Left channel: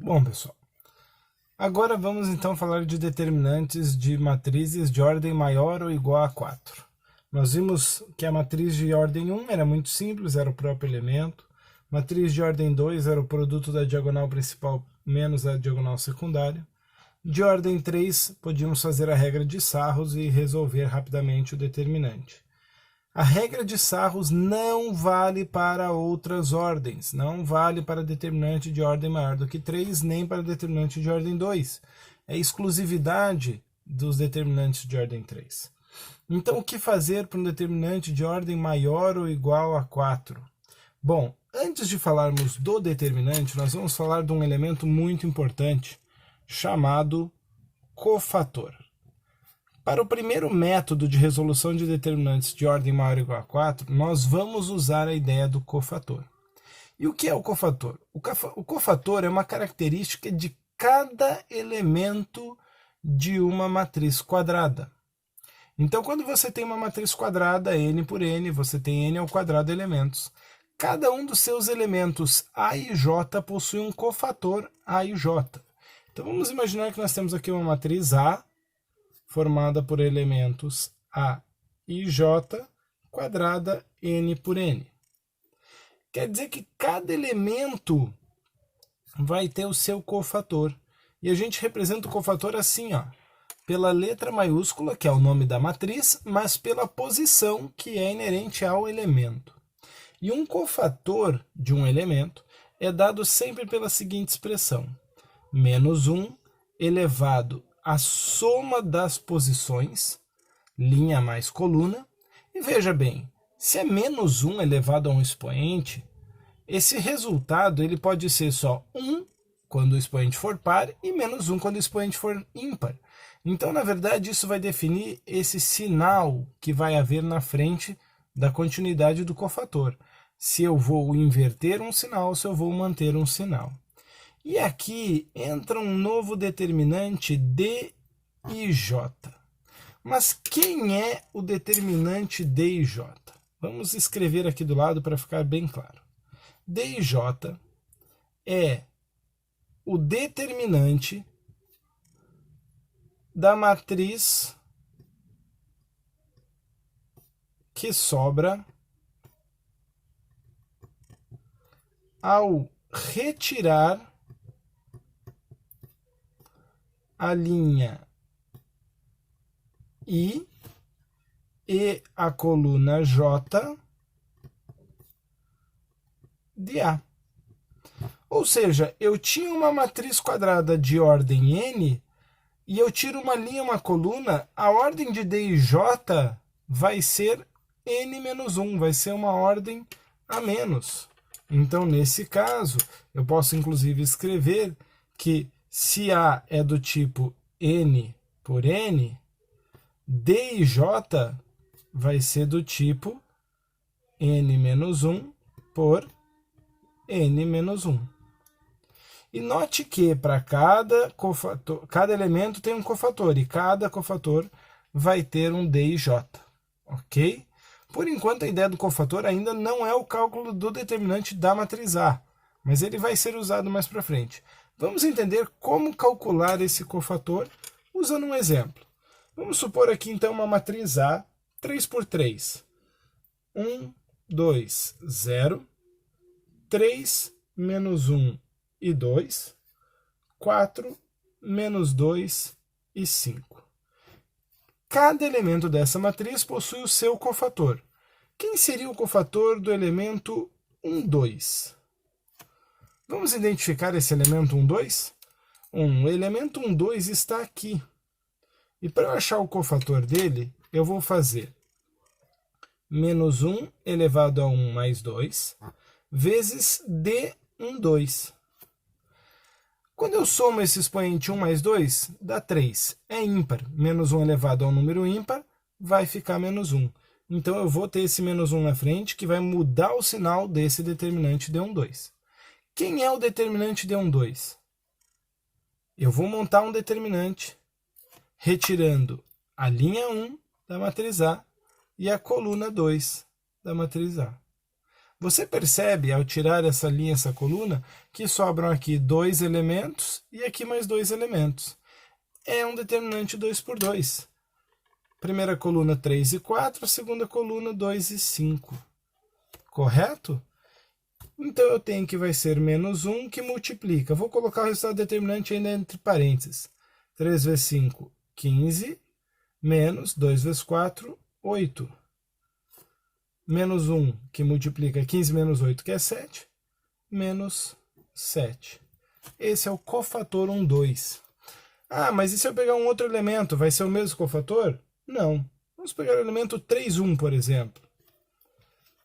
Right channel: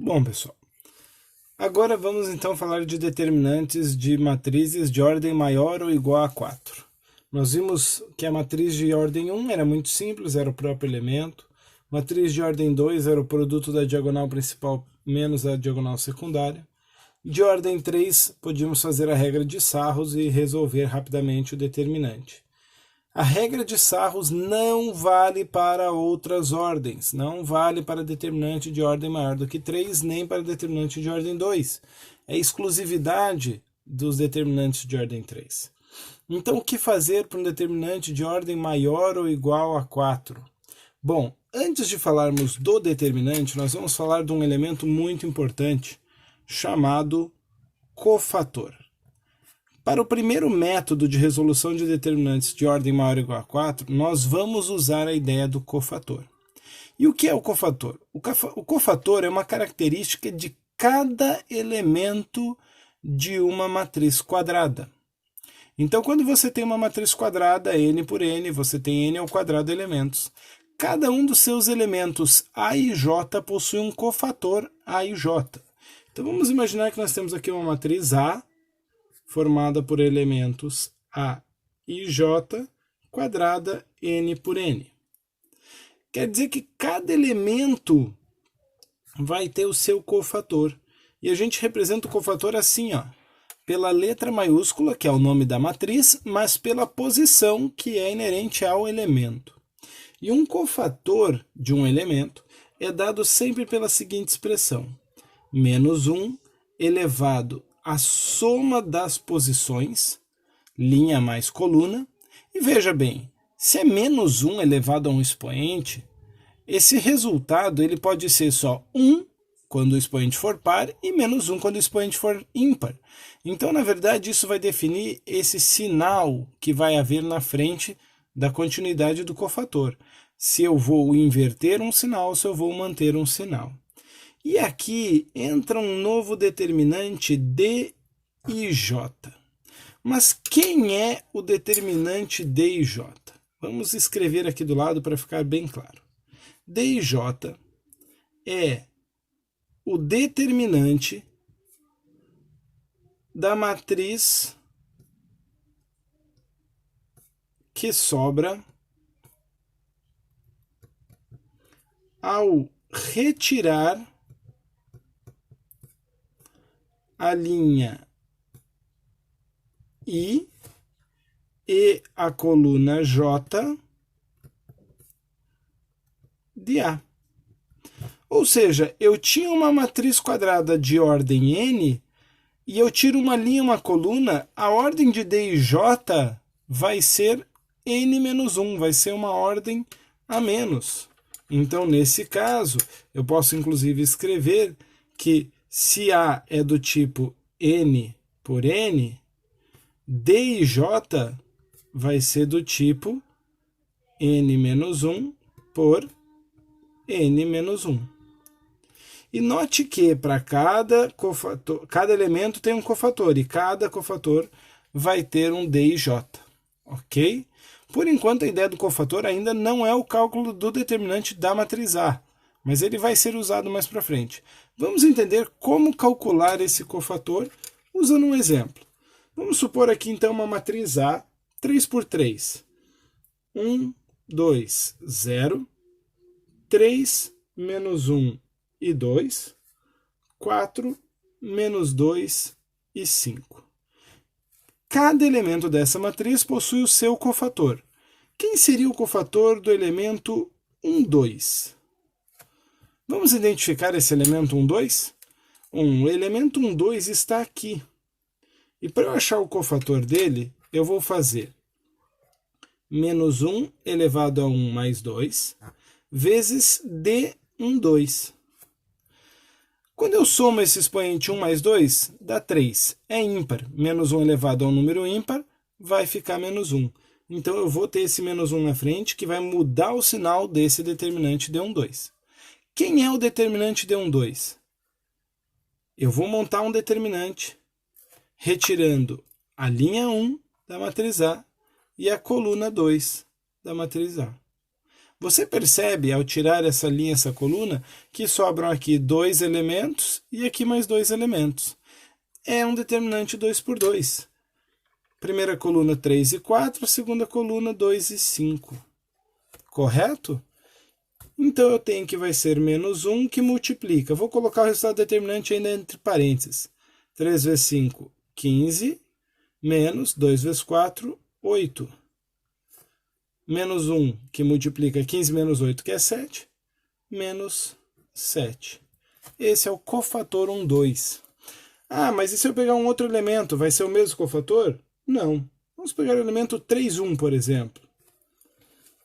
Bom, pessoal, agora vamos então falar de determinantes de matrizes de ordem maior ou igual a 4. Nós vimos que a matriz de ordem 1 era muito simples, era o próprio elemento. Matriz de ordem 2 era o produto da diagonal principal menos a diagonal secundária. De ordem 3, podíamos fazer a regra de Sarros e resolver rapidamente o determinante. A regra de Sarros não vale para outras ordens, não vale para determinante de ordem maior do que 3, nem para determinante de ordem 2. É exclusividade dos determinantes de ordem 3. Então, o que fazer para um determinante de ordem maior ou igual a 4? Bom, antes de falarmos do determinante, nós vamos falar de um elemento muito importante, chamado cofator. Para o primeiro método de resolução de determinantes de ordem maior ou igual a 4, nós vamos usar a ideia do cofator. E o que é o cofator? O cofator é uma característica de cada elemento de uma matriz quadrada. Então, quando você tem uma matriz quadrada, n por n, você tem n ao quadrado elementos. Cada um dos seus elementos A e J possui um cofator A e J. Então, vamos imaginar que nós temos aqui uma matriz A, formada por elementos A e J, quadrada n por n. Quer dizer que cada elemento vai ter o seu cofator. E a gente representa o cofator assim, ó, pela letra maiúscula, que é o nome da matriz, mas pela posição que é inerente ao elemento. E um cofator de um elemento é dado sempre pela seguinte expressão: menos 1 elevado a soma das posições, linha mais coluna, e veja bem, se é menos 1 elevado a um expoente, esse resultado ele pode ser só 1 quando o expoente for par e menos 1 quando o expoente for ímpar. Então, na verdade, isso vai definir esse sinal que vai haver na frente da continuidade do cofator. Se eu vou inverter um sinal, se eu vou manter um sinal. E aqui entra um novo determinante D e J. Mas quem é o determinante D e J? Vamos escrever aqui do lado para ficar bem claro. D e J é o determinante da matriz que sobra ao retirar a linha I e a coluna J de A. Ou seja, eu tinha uma matriz quadrada de ordem n e eu tiro uma linha, uma coluna, a ordem de D e J vai ser n menos 1, vai ser uma ordem a menos. Então, nesse caso, eu posso inclusive escrever que se A é do tipo n por n, D e J vai ser do tipo n menos 1 por n menos 1. E note que para cada elemento tem um cofator, e cada cofator vai ter um D e J, ok? Por enquanto, a ideia do cofator ainda não é o cálculo do determinante da matriz A, mas ele vai ser usado mais para frente. Vamos entender como calcular esse cofator usando um exemplo. Vamos supor aqui, então, uma matriz A, 3 por 3. 1, 2, 0, 3, menos 1 e 2, 4, menos 2 e 5. Cada elemento dessa matriz possui o seu cofator. Quem seria o cofator do elemento 1, 2? Vamos identificar esse elemento 1, 2? O elemento 1, 2 está aqui. E para eu achar o cofator dele, eu vou fazer menos 1 elevado a 1 mais 2, vezes D1, 2. Quando eu somo esse expoente 1 mais 2, dá 3. É ímpar. Menos 1 elevado a um número ímpar, vai ficar menos 1. Então, eu vou ter esse menos 1 na frente, que vai mudar o sinal desse determinante D1, 2. Quem é o determinante D1, 2? Eu vou montar um determinante retirando a linha 1 da matriz A e a coluna 2 da matriz A. Você percebe, ao tirar essa linha, essa coluna, que sobram aqui 2 elementos e aqui mais 2 elementos. É um determinante 2 por 2. Primeira coluna 3 e 4, segunda coluna 2 e 5. Correto? Então eu tenho que vai ser menos 1 que multiplica. Vou colocar o resultado determinante ainda entre parênteses. 3 vezes 5, 15, menos 2 vezes 4, 8. Menos 1 que multiplica 15 menos 8, que é 7, menos 7. Esse é o cofator 1, 2. Ah, mas e se eu pegar um outro elemento, vai ser o mesmo cofator? Não. Vamos pegar o elemento 3, 1, por exemplo.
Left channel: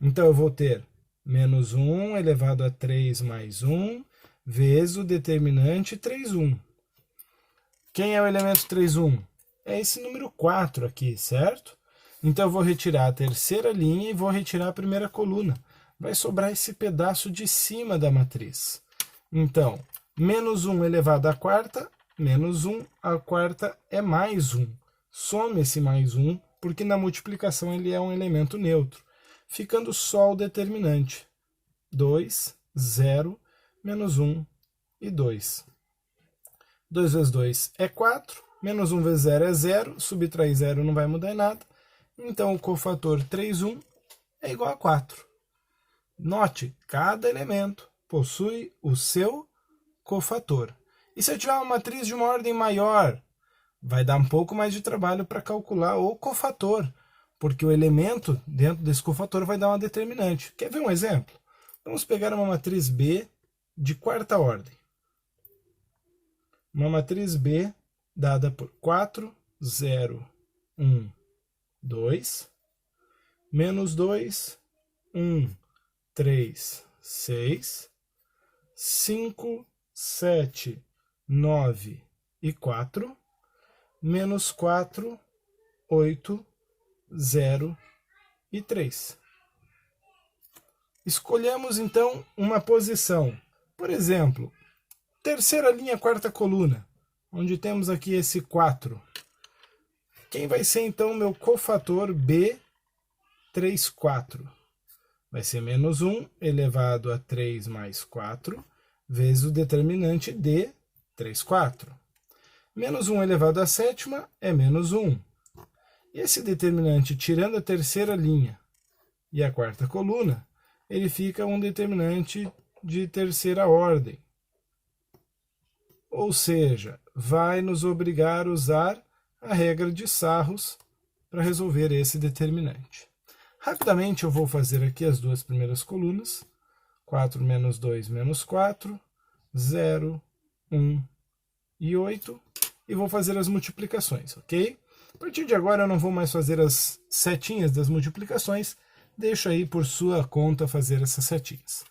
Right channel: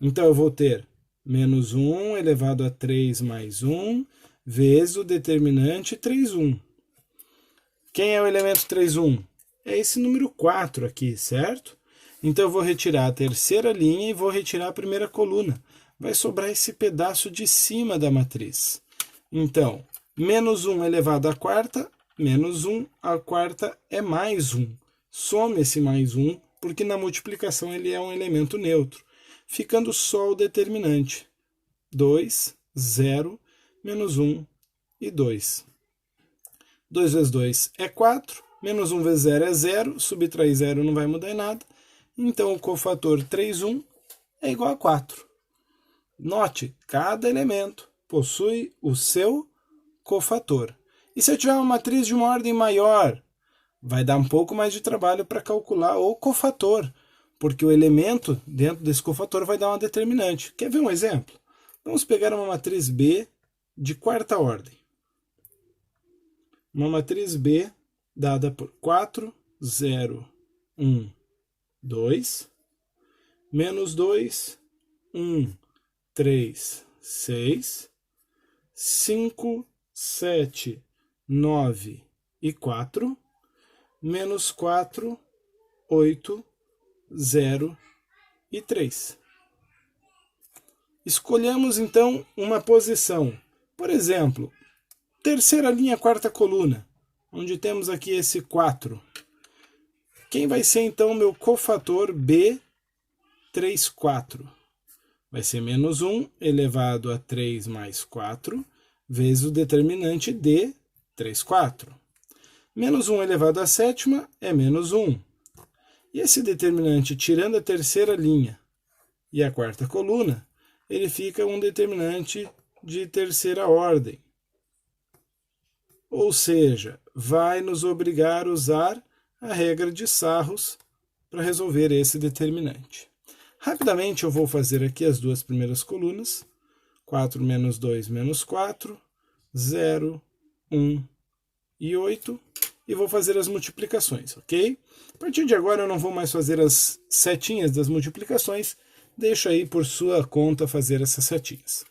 Então eu vou ter menos 1 elevado a 3 mais 1, vezes o determinante 3, 1. Quem é o elemento 3, 1? É esse número 4 aqui, certo? Então eu vou retirar a terceira linha e vou retirar a primeira coluna. Vai sobrar esse pedaço de cima da matriz. Então, menos 1 elevado à quarta, menos 1, a quarta é mais 1. Some esse mais 1, porque na multiplicação ele é um elemento neutro. Ficando só o determinante. 2, 0, menos 1 e 2. 2 vezes 2 é 4, menos 1 vezes 0 é 0, subtrair 0 não vai mudar em nada. Então, o cofator 3, 1 é igual a 4. Note, cada elemento possui o seu cofator. E se eu tiver uma matriz de uma ordem maior, vai dar um pouco mais de trabalho para calcular o cofator, porque o elemento dentro desse cofator vai dar uma determinante. Quer ver um exemplo? Vamos pegar uma matriz B de quarta ordem. Uma matriz B dada por 4, 0, 1, 2, menos 2, 1, 3, 6, 5, 7, 9 e 4, menos 4, 8, 0 e 3. Escolhemos então uma posição. Por exemplo, terceira linha, quarta coluna, onde temos aqui esse 4. Quem vai ser então o meu cofator B3, 4? Vai ser menos 1 elevado a 3 mais 4, vezes o determinante D, 3, 4. Menos 1 elevado à sétima é menos 1. E esse determinante, tirando a terceira linha e a quarta coluna, ele fica um determinante de terceira ordem. Ou seja, vai nos obrigar a usar a regra de Sarros para resolver esse determinante. Rapidamente eu vou fazer aqui as duas primeiras colunas. 4 menos 2 menos 4, 0, 1 e 8. E vou fazer as multiplicações, ok? A partir de agora eu não vou mais fazer as setinhas das multiplicações. Deixa aí por sua conta fazer essas setinhas.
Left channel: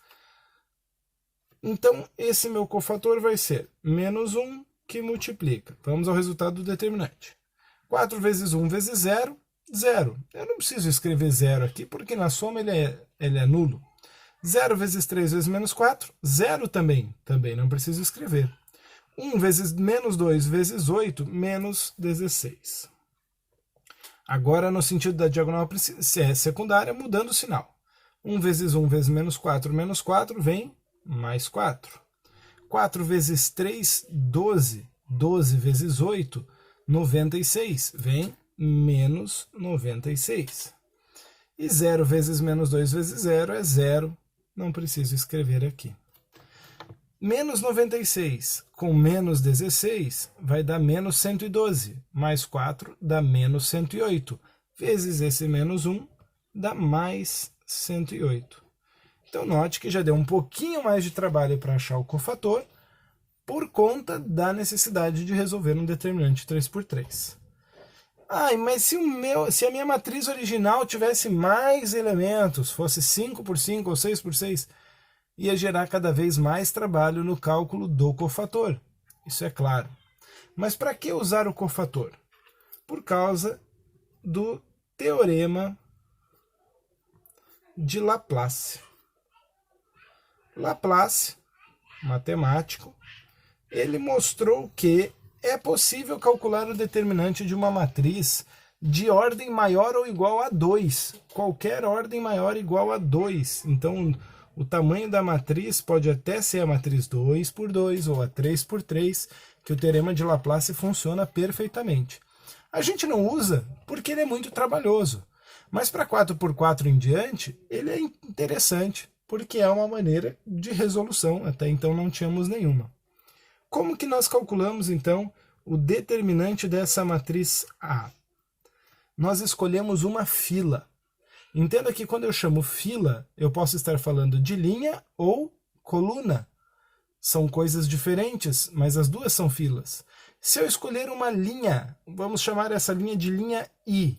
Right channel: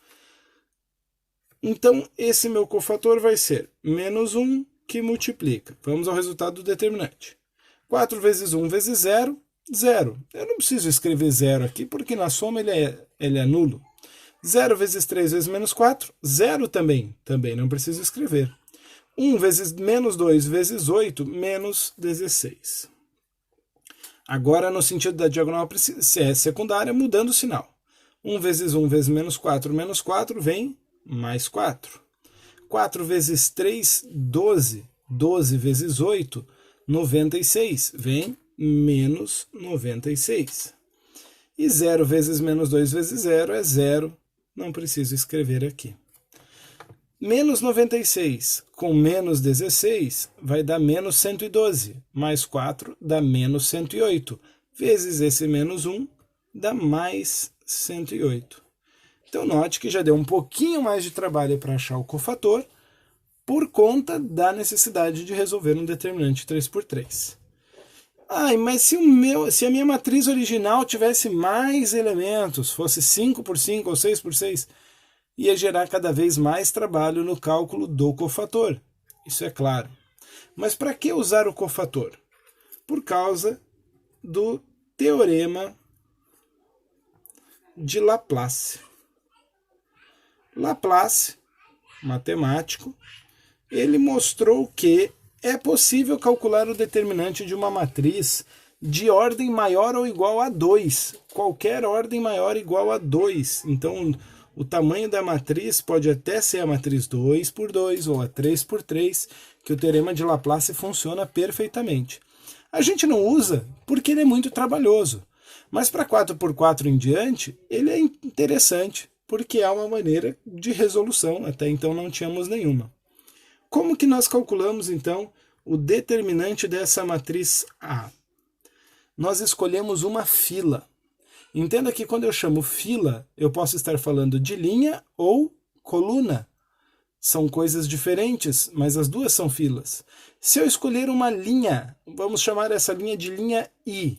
Então, esse meu cofator vai ser menos 1 que multiplica. Vamos ao resultado do determinante. 4 vezes 1 vezes 0, 0. Eu não preciso escrever 0 aqui, porque na soma ele é nulo. 0 vezes 3 vezes menos 4, 0 também. Também não preciso escrever. 1 vezes menos 2 vezes 8, menos 16. Agora, no sentido da diagonal secundária, mudando o sinal. 1 vezes 1 vezes menos 4 vem mais 4. 4 vezes 3, 12. 12 vezes 8, 96. Vem menos 96. E 0 vezes menos 2 vezes 0 é 0. Não preciso escrever aqui. Menos 96 com menos 16 vai dar menos 112. Mais 4 dá menos 108. Vezes esse menos 1 dá mais 108. Então, note que já deu um pouquinho mais de trabalho para achar o cofator por conta da necessidade de resolver um determinante 3 por 3. Ai, mas se a minha matriz original tivesse mais elementos, fosse 5 por 5 ou 6 por 6, ia gerar cada vez mais trabalho no cálculo do cofator. Isso é claro. Mas para que usar o cofator? Por causa do teorema de Laplace. Laplace, matemático, ele mostrou que é possível calcular o determinante de uma matriz de ordem maior ou igual a 2. Qualquer ordem maior ou igual a 2. Então, o tamanho da matriz pode até ser a matriz 2 por 2 ou a 3 por 3, que o teorema de Laplace funciona perfeitamente. A gente não usa porque ele é muito trabalhoso, mas para 4 por 4 em diante, ele é interessante, porque é uma maneira de resolução, até então não tínhamos nenhuma. Como que nós calculamos, então, o determinante dessa matriz A? Nós escolhemos uma fila. Entenda que quando eu chamo fila, eu posso estar falando de linha ou coluna. São coisas diferentes, mas as duas são filas. Se eu escolher uma linha, vamos chamar essa linha de linha I,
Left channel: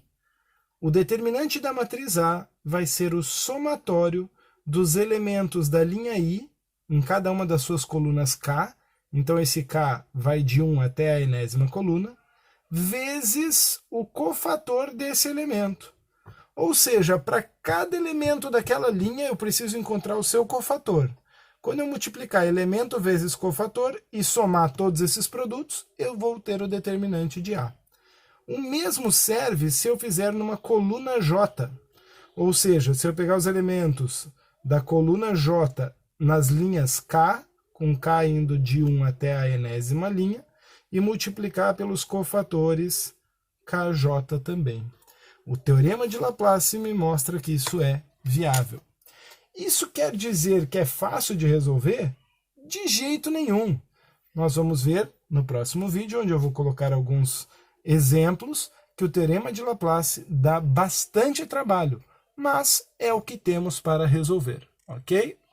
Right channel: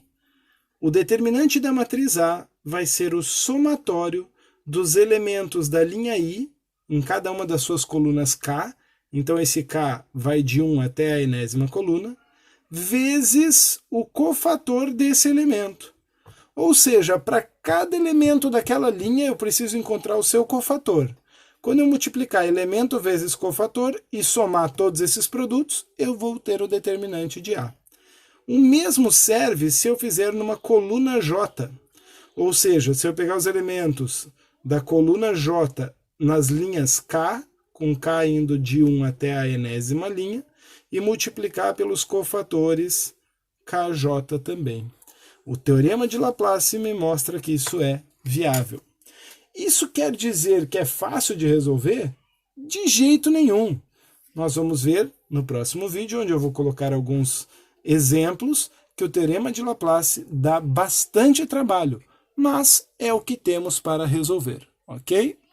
o determinante da matriz A vai ser o somatório dos elementos da linha I, em cada uma das suas colunas K, então esse K vai de 1 até a enésima coluna, vezes o cofator desse elemento. Ou seja, para cada elemento daquela linha eu preciso encontrar o seu cofator. Quando eu multiplicar elemento vezes cofator e somar todos esses produtos, eu vou ter o determinante de A. O mesmo serve se eu fizer numa coluna J. Ou seja, se eu pegar os elementos da coluna J nas linhas K, com K indo de 1 até a enésima linha, e multiplicar pelos cofatores KJ também. O teorema de Laplace me mostra que isso é viável. Isso quer dizer que é fácil de resolver? De jeito nenhum. Nós vamos ver no próximo vídeo, onde eu vou colocar alguns exemplos, que o teorema de Laplace dá bastante trabalho, mas é o que temos para resolver, ok?